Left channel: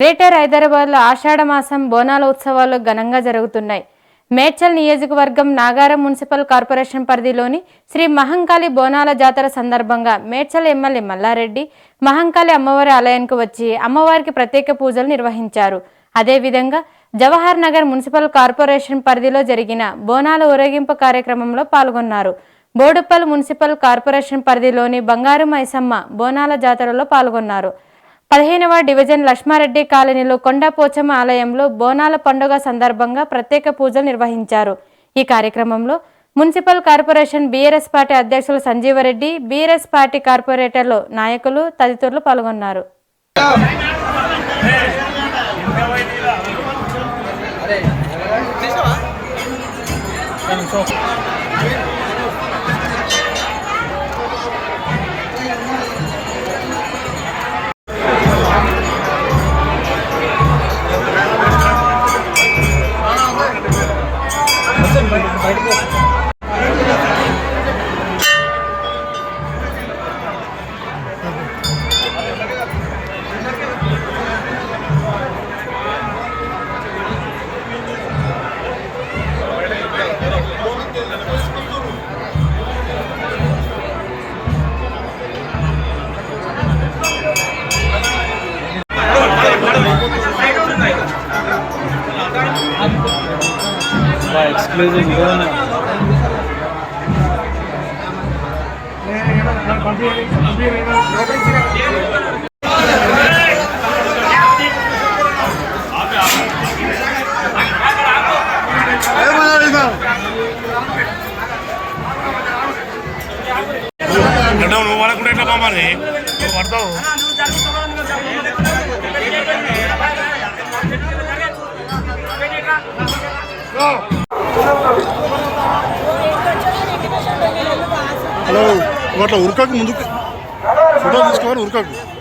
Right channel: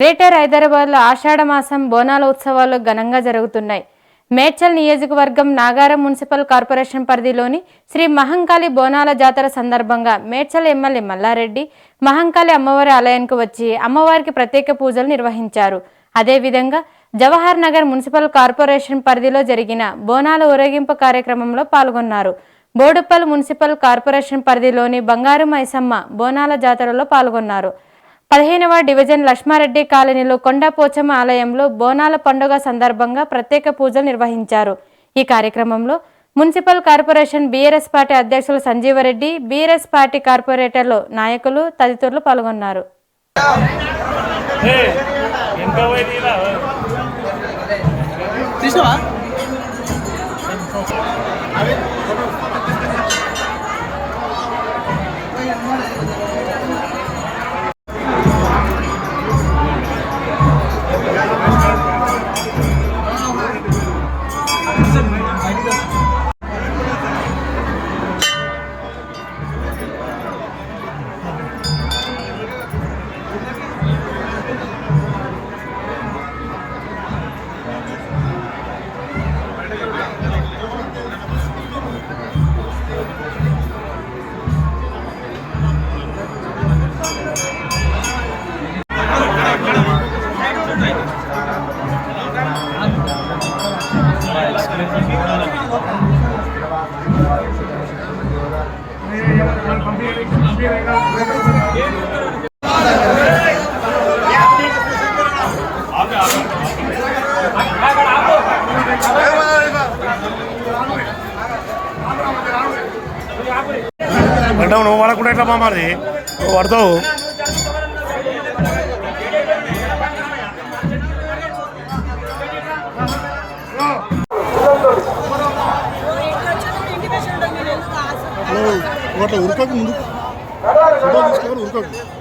Greater హైదరాబాద్లో ఆషాఢ మాసం బోనాల ఉత్సవాలు ఘనంగా జరుగుతున్నాయి. మేడ్చల్ నియోజకవర్గం నాగారం మున్సిపల్ కార్పొరేషన్ పరిధిలోని శ్రీ మహంకాళి బోనాల జాతర సందర్భంగా మేడ్చల్ ఎమ్మెల్యే మల్లారెడ్డి మహంకాళి అమ్మవారి ఆలయానికి వచ్చి అమ్మవారికి ప్రత్యేక పూజలు నిర్వహించారు. అదేవిధంగా జవహర్ నగర్ మున్సిపల్ కార్పొరేషన్ పరిధిలో జరిగిన బోనాల ఊరేగింపు కార్యక్రమంలో పాల్గొన్నారు. బోడుప్పల్ మున్సిపల్ కార్పొరేషన్ పరిధిలోని బంగారు మైసమ్మ బోనాల జాతరలో పాల్గొన్నారు. 15వ డివిజన్ లక్ష్మారెడ్డి కాలనీలో కొండపోచమ్మ ఆలయంలో బోనాల పండుగ సందర్భంగా ప్రత్యేక పూజలు నిర్వహించారు. ఈ కార్యక్రమంలో మున్సిపల్ కార్పొరేషన్ బీఆర్ఎస్ పార్టీ అధ్యక్షులు సంజీవరెడ్డి, బీఆర్ఎస్ పార్టీ కార్పొరేటర్లు, నాయకులు తదితరులు పాల్గొన్నారు. నువ్వు వాడకుండా ఎట్లా మామారి నువ్వు పడతావు. హలో అట్లా ఉరకకు, ముందుకు ఫోటో తీసుకోవాలి, ఉరకకు.